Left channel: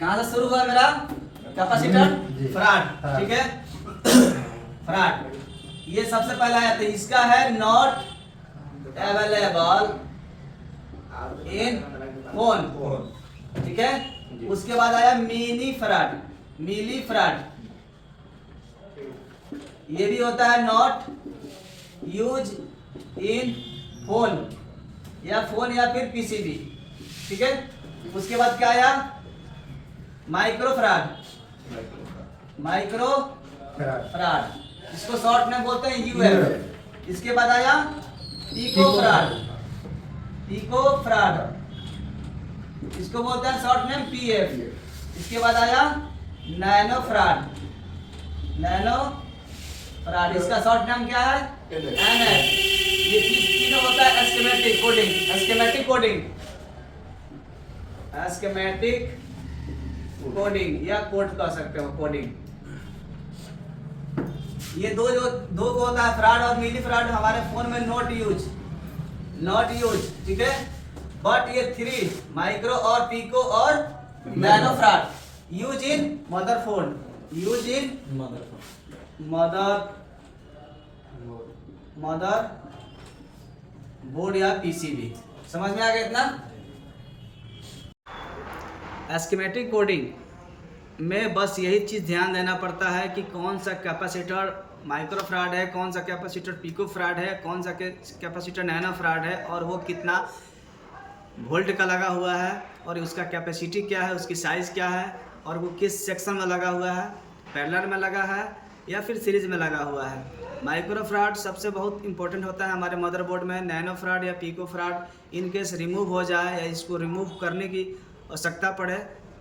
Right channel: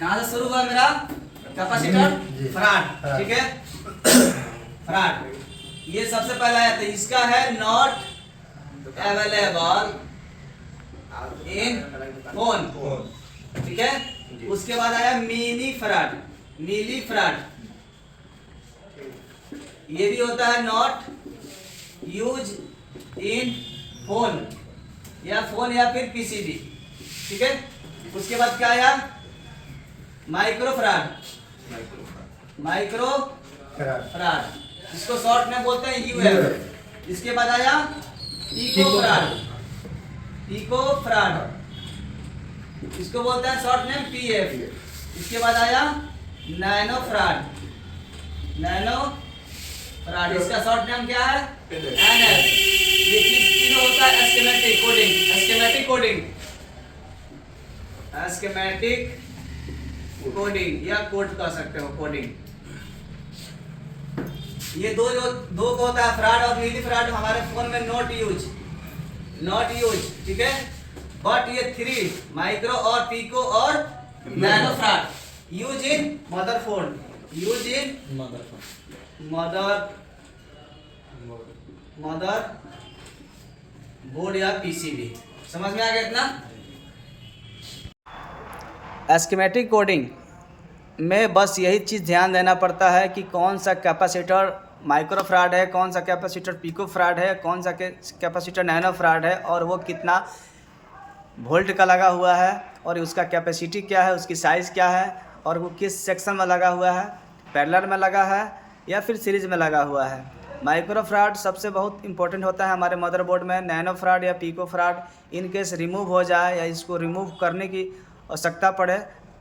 कहाँ से शुरू हुआ मेरा कैपेसिटर? फराड, ठीक है, फराड। ये सबसे पहला है, तो इसका है नॉट अवेलेबल इन फोन, ठीक है। उसके बाद आया मिली फराड, मिली फराड, ये भी होता है नॉट यूज इन फोन या फिर पीसीबी, ठीक है। उसके बाद क्या आया? माइक्रो फराड, माइक्रो फराड, इसको शॉर्ट में बोलते हैं यूएफ। इसके बाद आया पिको फराड, पिको फराड, इसको बोलते हैं शॉर्ट में पीएफ। इसके बाद आया नैनो फराड, नैनो फराड, इसका शॉर्ट नाम क्या है? एनएफ। ये तीनों होता है एस्केमेटिक कोडिंग, एस्केमेटिक कोडिंग, एस्केमेटिक कोडिंग या कोड कह सकते हो, कोडिंग। ये दो को होता है फ्रॉड और मिली फ्रॉड, हमारे फोन में नॉट यूज, नॉट यूज, ठीक है। बट ये 3 माइक्रो और पिको और nano fraud use in mother phone, use in mother board या पीसीबी। समझ में आ गया इतना? एस्केमेटिक कोडिंग में बस यही चीज़ ध्यान देना पड़ता है कि कौन सा कैपेसिटर माइक्रो फ्राड है, कौन सा कैपेसिटर पिको फ्राड है, कौन सा कैपेसिटर नैनो फ्राड है, और वो कितना वोल्ट का लगा हुआ है, और उसका कैपेसिटी क्या है, उसकी साइज़ क्या है, और वो किस सेक्शन में लगा हुआ है, पैरेलल में लगा है या फिर सीरीज में लगा हुआ है। माइक्रो फ्राड सबसे बहुत इंपॉर्टेंट होता है हमारे मदरबोर्ड में। नैनो फ्राड या pico farad in case remove हो जाए या इसको रिमूव करने की आवश्यकता पड़े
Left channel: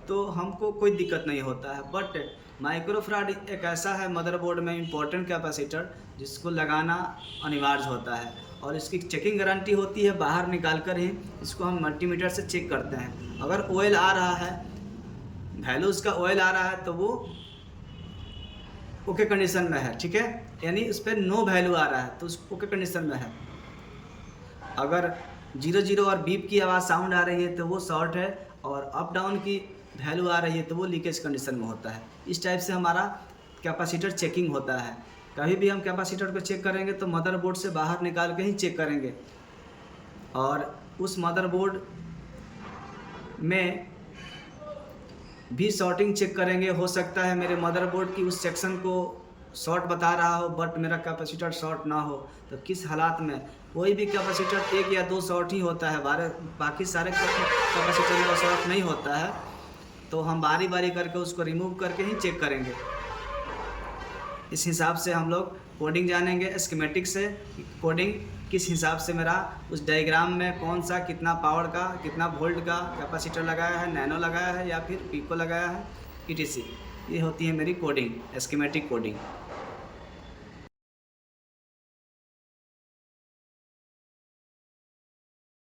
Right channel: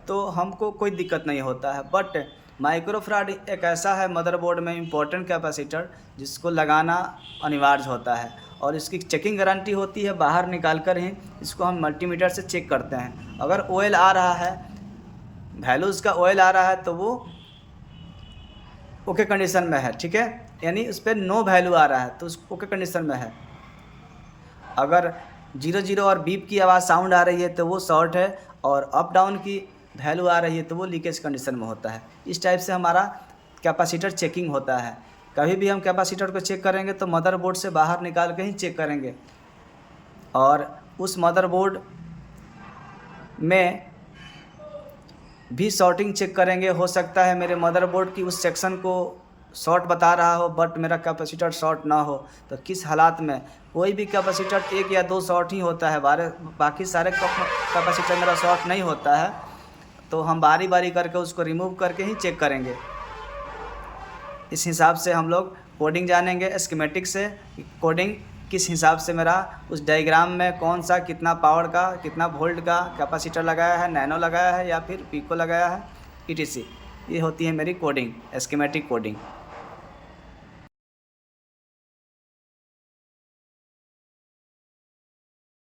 तो हमको कोई दिक्कत नहीं होता है। बट माइक्रो फ्राड एक ऐसा है मदरबोर्ड में इम्पोर्टेंट कैपेसिटर जिसको लगाना अनिवार्य होता है, और इसकी चेकिंग गारंटी होती है बाहर निकाल कर ही इसको हम मल्टीमीटर से चेक करते हैं। अगर ऑयल आ रहा है, वैल्यू उसका ऑयल आ रहा है तो वो ओके कंडीशन में है, ठीक है, यानी उस पर नो वैल्यू आ रहा है तो उस ओके कंडीशन में है। अगर 0 और बीप की आवाज़ साउंड आ रही है तो वो शॉर्ट है, और अप डाउन की वैल्यू आ रही है तो वो लीकेज कंडीशन में होता है। इस टाइप से हमारा कैपेसिटर चेकिंग होता है। कभी भी हम कैपेसिटर को चेक करेंगे तो मदरबोर्ड से बाहर निकाल के ही चेक करेंगे, और उस मदरबोर्ड में भी शॉर्टिंग चेक करेंगे। हो सकता है मेरे मदरबोर्ड की उस सेक्शन को शॉर्ट बता रहा हो बट मेरा कैपेसिटर शॉर्ट ना हो, तो किस हालात में कोई भी कैपेसिटर 1 या 2 शॉर्ट ही होता है, बाकी सारे कैपेसिटर मेरा शॉर्ट नहीं होता है, तो हम बारी बारी करके उसको रिमूव करके ही चेक करेंगे। इस हिसाब से हम लोग कोडिंग जानेंगे, स्कीमेटिक से कोडिंग किस हिसाब से मेरा उस डायग्राम में कौन सा कितना पावर का कितना वोल्ट का कैपेसिटर लगाया है, नैनो लगाया है या फिर पिको लगाया है, ETC। ये होती है मेरी कोडिंग, स्कीमेटिक कोडिंग।